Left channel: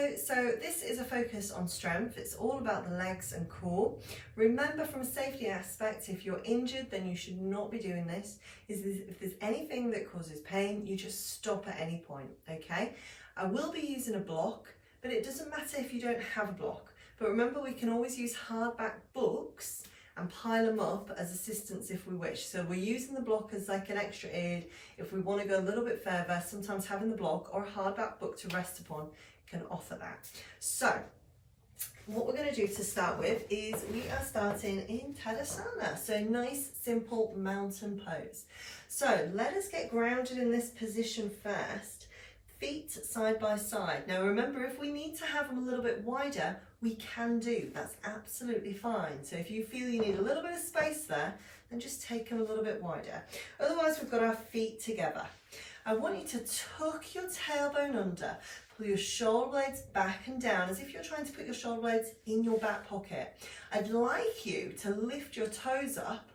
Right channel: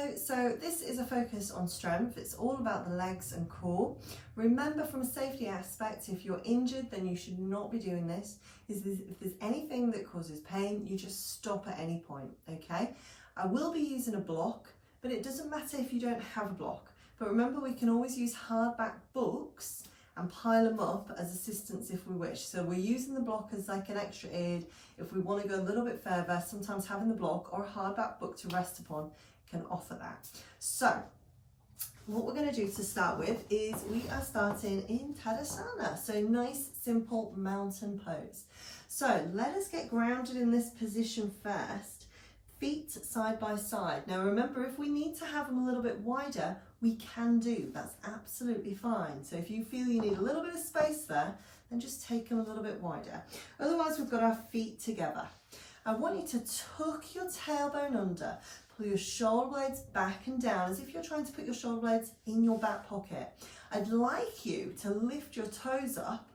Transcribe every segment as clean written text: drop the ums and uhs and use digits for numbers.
Hello, so this is a focus on strength. It's all about the legs and core. Remember, from a safety aspect, if you're injured, then you should not be doing this. If there's anything that causes pain, you just stop at any point, okay? I will be using a block, but it doesn't matter if you don't have a block. But remember, we can always use hardback books and pile them up as assistance if we wish. So we're using the block as like an extra aid if we want to go a little bit further. Sometimes having the block or a hardback book to rest upon can offer that. So what we're going to do to start with is we are starting in Tadasana, so nice simple mountain pose. So let us get grounded in this position first, feet side by side. Now remember, if we need to have them a little bit wider, we can do, that's absolutely fine. So if you feel you need a little bit of space there, then just take them a little bit wider. Otherwise, we've got our feet together. I want you to tuck your tailbone under, pull your shoulder blades back and down as if you're trying to put your shoulder blades in your back pocket. I'd like you to lift your toes up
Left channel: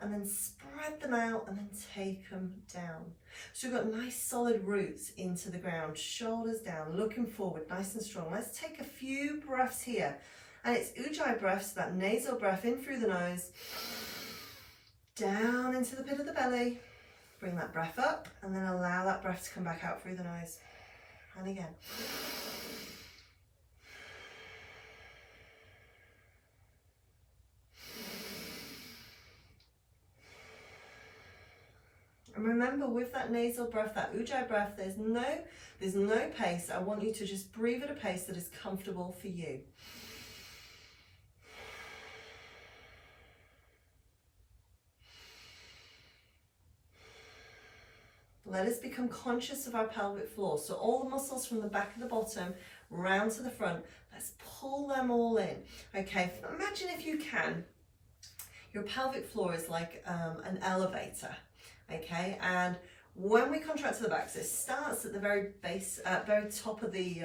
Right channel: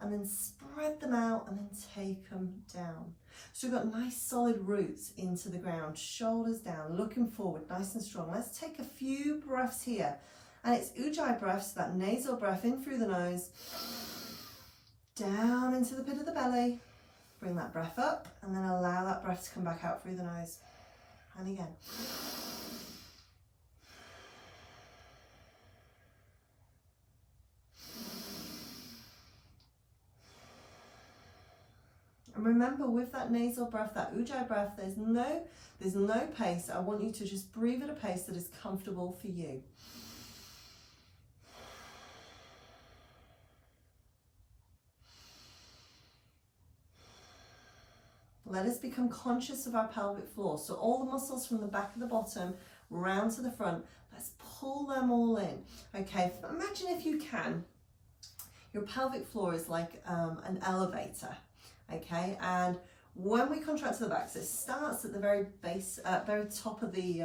and then spread them out and then take them down. So we've got nice solid roots into the ground, shoulders down, looking forward, nice and strong. Let's take a few breaths here. And it's Ujjayi breaths, that nasal breath in through the nose, down into the pit of the belly. Bring that breath up and then allow that breath to come back out through the nose. And again. And remember, with that nasal breath, that Ujjayi breath, there's no pace. I want you to just breathe at a pace that is comfortable for you. Let us become conscious of our pelvic floor. So all the muscles from the back of the bottom round to the front, let's pull them all in. Okay, imagine if you can, your pelvic floor is like an elevator. Okay, and when we contract to the back, so it starts at the very base, very top of the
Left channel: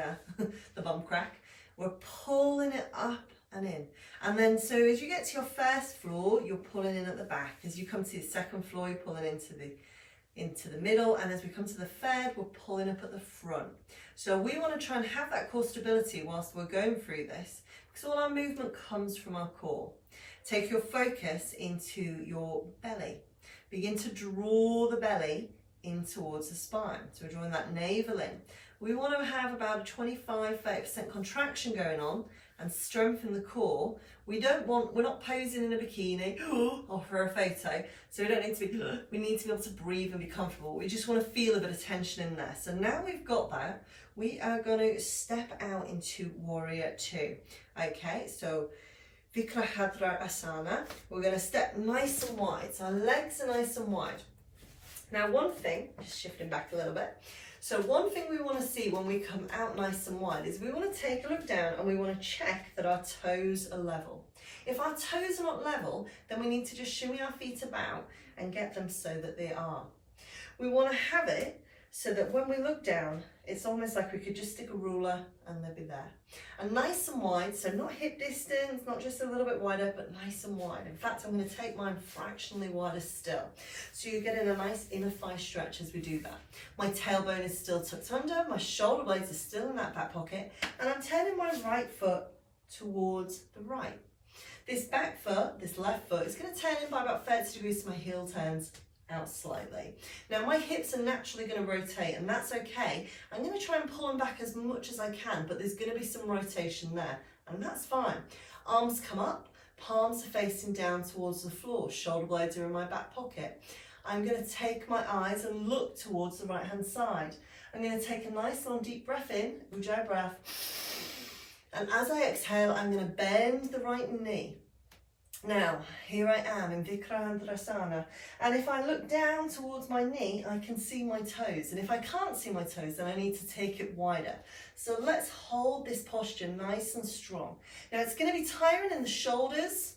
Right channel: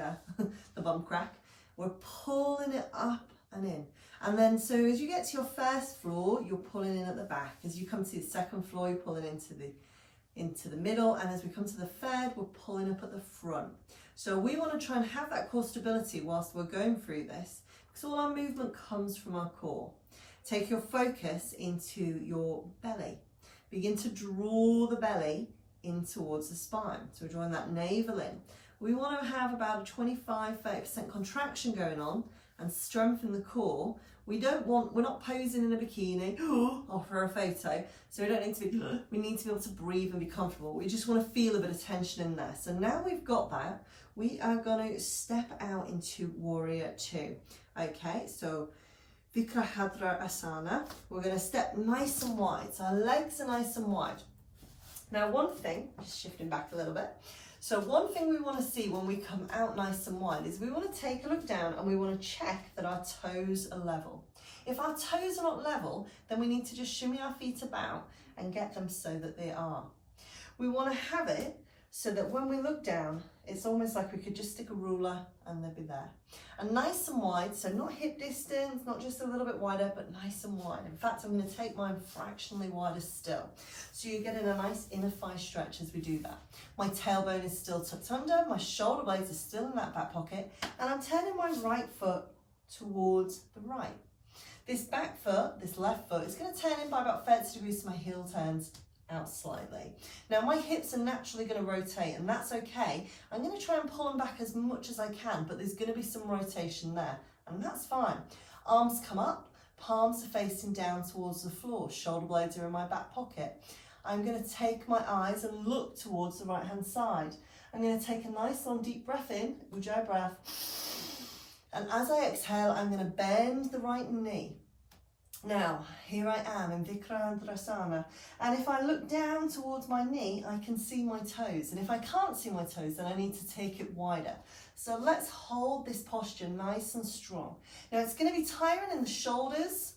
bum crack, we're pulling it up and in. And then so as you get to your first floor, you're pulling in at the back. As you come to the second floor, you're pulling into the middle, and as we come to the third, we're pulling up at the front. So we want to try and have that core stability whilst we're going through this, because all our movement comes from our core. Take your focus into your belly. Begin to draw the belly in towards the spine. So we're drawing that navel in. We want to have about a 25-30% contraction going on and strengthen the core. We're not posing in a bikini or for a photo, so we don't need to be, we need to be able to breathe and be comfortable. We just want to feel a bit of tension in there. So now we've got that, we are going to step out into Warrior Two. Okay, so Vikrahadra Asana. We're going to step nice and wide, so our legs are nice and wide. Now one thing, just shifting back a little bit, so one thing we want to see when we come out nice and wide is we want to take a look down and we want to check that our toes are level. If our toes are not level, then we need to just shimmy our feet about and get them so that they are. We want to have it so that when we look down, it's almost like we could just stick a ruler and they'll be there. And nice and wide, so not hip distance, not just a little bit wider, but nice and wide. In fact, I'm going to take mine fractionally wider still. So you're getting a nice inner thigh stretch as we do that. My tailbone is still tucked under, my shoulder blades are still in that back pocket, and I'm turning my right foot towards the right. This back foot, this left foot, is going to turn in by about 30 degrees so my heel turns out slightly. Now my hips are naturally going to rotate, and that's okay. I'm going to try and pull them back as much as I can, but there's going to be some rotation there, and that's fine. Arms come up, palms are facing down towards the floor, shoulder blades are in my back pocket. I'm going to take my eyes and look towards the right hand side. I'm going to take a nice long deep breath in, Ujjayi breath, and as I exhale, I'm going to bend the right knee. Now, here I am in Vikrahadra, and if I look down towards my knee, I can see my toes, and if I can't see my toes, then I need to take it wider. So let's hold this posture nice and strong. Now it's going to be tiring in the shoulders,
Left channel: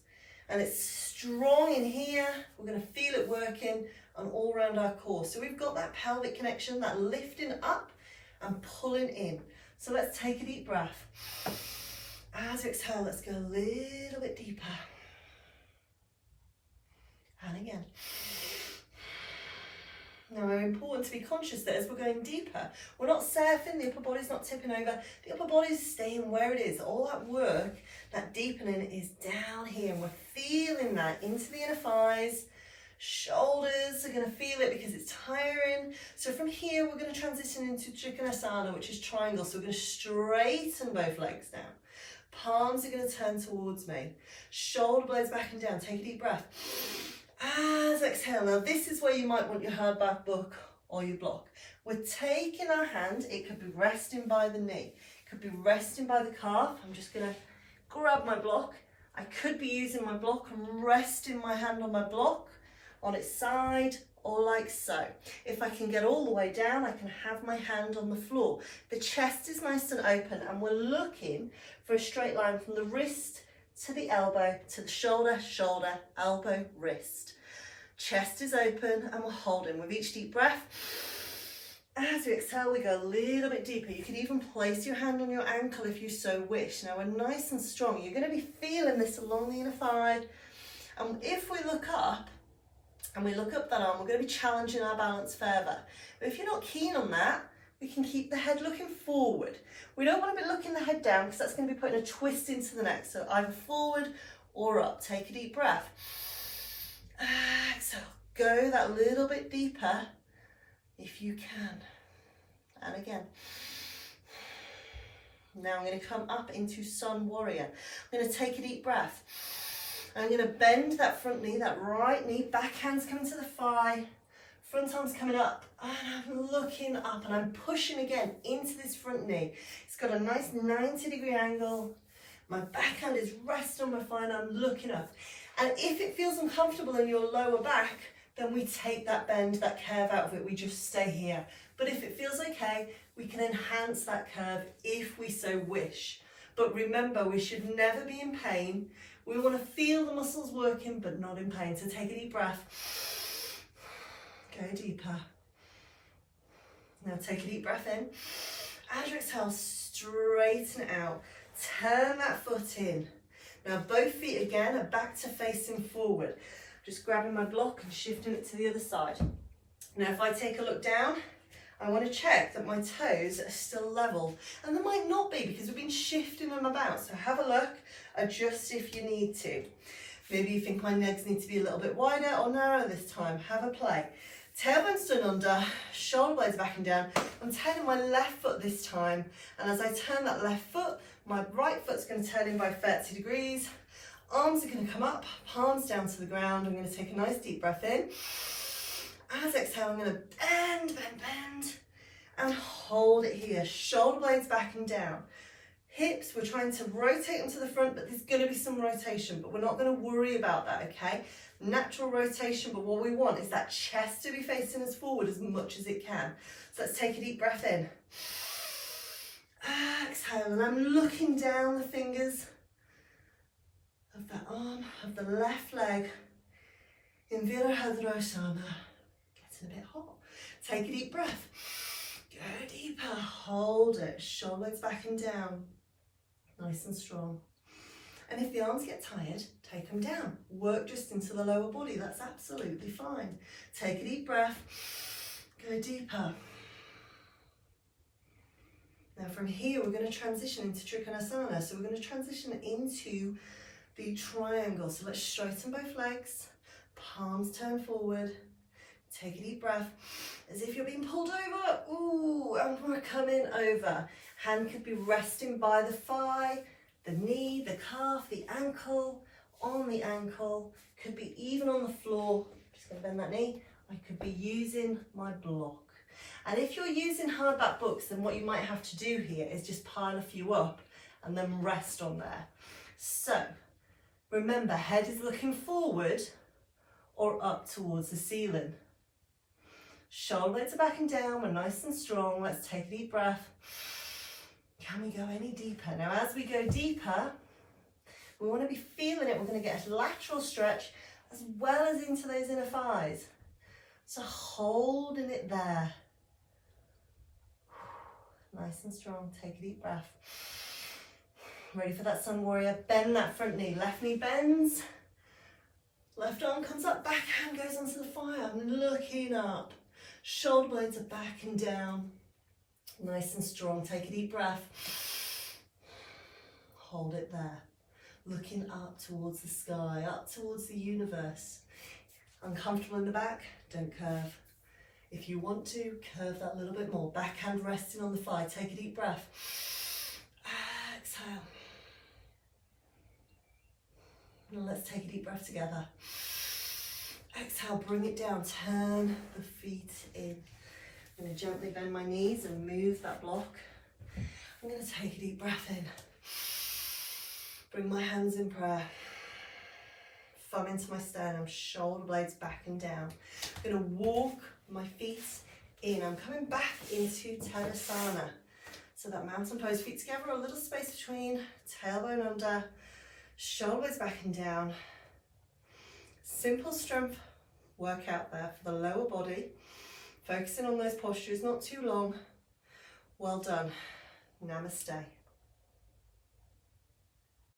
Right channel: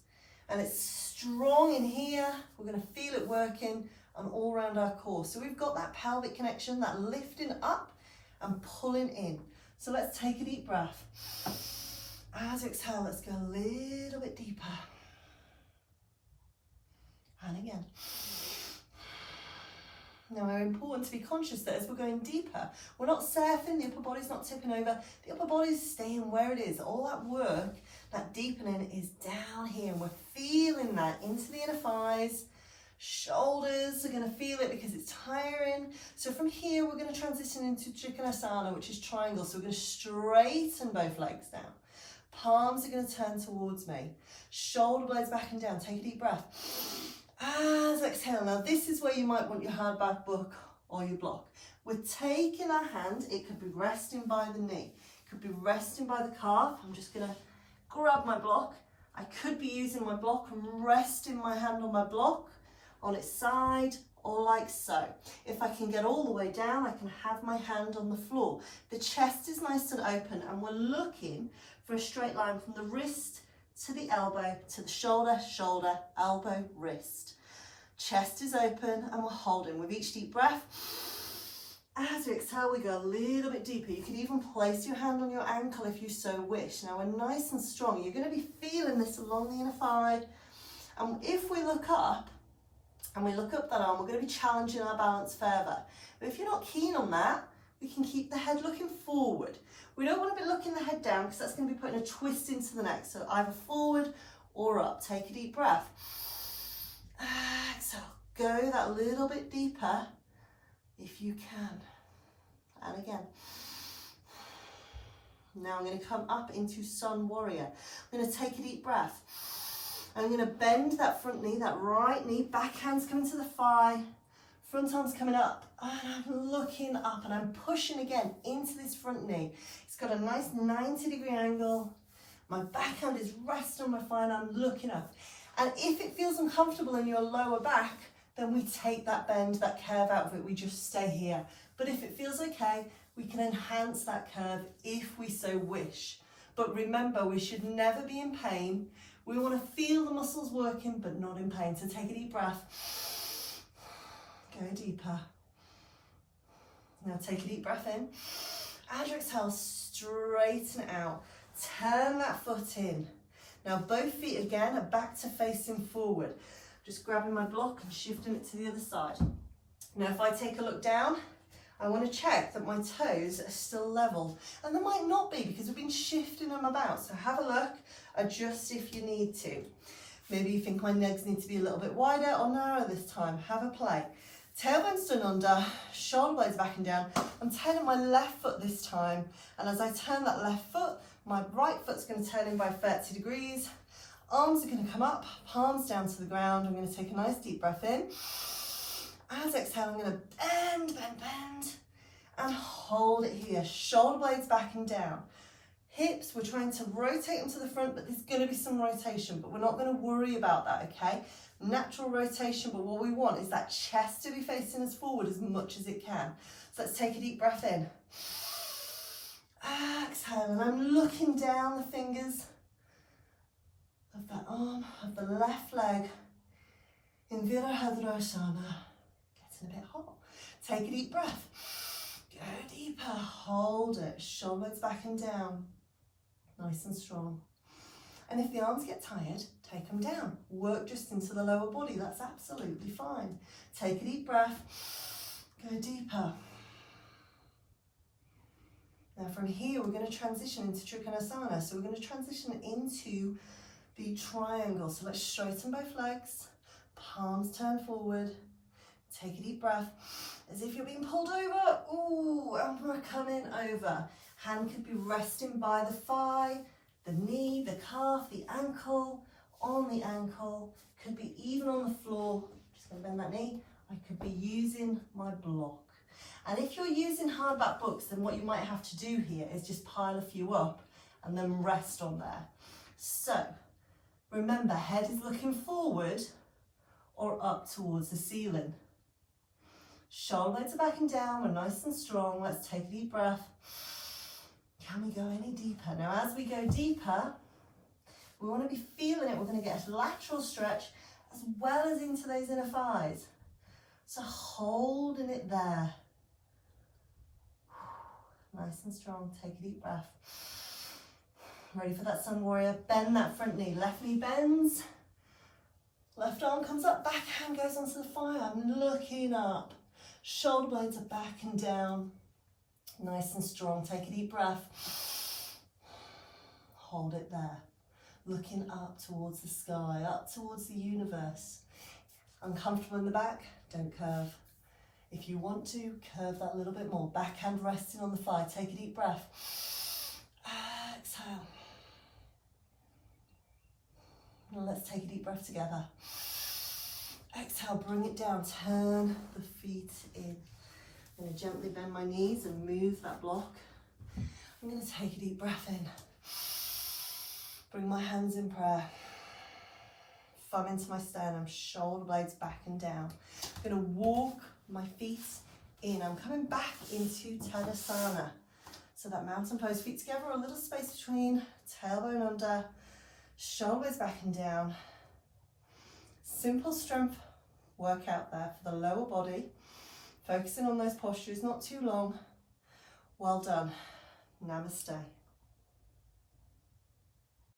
and it's strong in here. We're going to feel it working on all around our core. So we've got that pelvic connection, that lifting up and pulling in. So let's take a deep breath. As we exhale, let's go a little bit deeper. And again. Now, it's important to be conscious that as we're going deeper, we're not surfing, the upper body's not tipping over, the upper body's staying where it is. All that work, that deepening is down here. We're feeling that into the inner thighs. Shoulders are going to feel it because it's tiring. So from here, we're going to transition into Trikonasana, which is triangle. So we're going to straighten both legs down. Palms are going to turn towards me. Shoulder blades back and down. Take a deep breath. As exhale. Now this is where you might want your hardback book or your block. We're taking our hand, it could be resting by the knee, it could be resting by the calf. I'm just going to grab my block. I could be using my block and resting my hand on my block, on its side, or like so. If I can get all the way down, I can have my hand on the floor. The chest is nice and open, and we're looking for a straight line from the wrist to the elbow, to the shoulder, shoulder, elbow, wrist. Chest is open and we're holding with each deep breath. As you exhale, we go a little bit deeper. You can even place your hand on your ankle if you so wish. Now we're nice and strong. You're going to be feeling this along the inner thigh. And if we look up, and we look up that arm, we're going to be challenging our balance further. But if you're not keen on that, we can keep the head looking forward. We don't want to be looking the head down because that's going to be putting a twist into the neck. So either forward or up. Take a deep breath. Exhale. Go that little bit deeper if you can. And again. Now I'm going to come up into Sun Warrior. I'm going to take a deep breath. I'm going to bend that front knee, that right knee, back hands coming to the thigh, front arms coming up, and I'm looking up and I'm pushing again into this front knee. It's got a nice 90-degree angle. My back hand is resting on my thigh and I'm looking up. And if it feels uncomfortable in your lower back, then we take that bend, that curve out of it. We just stay here. But if it feels okay, we can enhance that curve if we so wish. But remember, we should never be in pain. We want to feel the muscles working, but not in pain. So take a deep breath. Go deeper. Now take a deep breath in. As you exhale, straighten it out. Turn that foot in. Now both feet again are back to facing forward. Just grabbing my block and shifting it to the other side. Now if I take a look down, I want to check that my toes are still level. And they might not be because we've been shifting them about. So have a look, adjust if you need to. Maybe you think my legs need to be a little bit wider or narrower this time. Have a play. Tailbone's done under, shoulder blades back and down. I'm turning my left foot this time. And as I turn that left foot, my right foot's going to turn in by 30 degrees. Arms are going to come up, palms down to the ground. I'm going to take a nice deep breath in. As exhale, I'm going to bend, and hold it here. Shoulder blades back and down. Hips, we're trying to rotate them to the front, but there's going to be some rotation, but we're not going to worry about that, okay? Natural rotation, but what we want is that chest to be facing us forward as much as it can. So let's take a deep breath in. Exhale, and I'm looking down the fingers of that arm, of the left leg, in Virabhadrasana. Getting a bit hot. Take a deep breath. Go deeper, hold it, shoulder blades back and down. Nice and strong. And if the arms get tired, take them down. Work just into the lower body, that's absolutely fine. Take a deep breath, go deeper. Now from here, we're going to transition into Trikonasana. So we're going to transition into the triangle. So let's straighten both legs, palms turn forward. Take a deep breath, as if you're being pulled over. Ooh, and we're coming over. Hand could be resting by the thigh, the knee, the calf, the ankle, on the ankle. Could be even on the floor. Just going to bend that knee. I could be using my block. And if you're using hardback books, then what you might have to do here is just pile a few up and then rest on there. So, remember, head is looking forward or up towards the ceiling. Shoulder blades are back and down, we're nice and strong. Let's take a deep breath. Can we go any deeper? Now as we go deeper, we want to be feeling it. We're going to get a lateral stretch as well as into those inner thighs. So holding it there. Nice and strong, take a deep breath. Ready for that Sun Warrior, bend that front knee. Left knee bends, left arm comes up, back hand goes onto the thigh. I'm looking up. Shoulder blades are back and down. Nice and strong. Take a deep breath. Hold it there. Looking up towards the sky, up towards the universe. Uncomfortable in the back? Don't curve. If you want to, curve that a little bit more. Backhand resting on the thigh. Take a deep breath. Exhale. Now let's take a deep breath together. Exhale, bring it down. Turn the feet in. I'm going to gently bend my knees and move that block. I'm going to take a deep breath in. Bring my hands in prayer. Thumb into my sternum, shoulder blades back and down. I'm going to walk my feet in. I'm coming back into Tadasana. So that mountain pose, feet together, a little space between, tailbone under, shoulder blades back and down. Simple strength workout there for the lower body. Focusing on those postures, not too long. Well done. Namaste.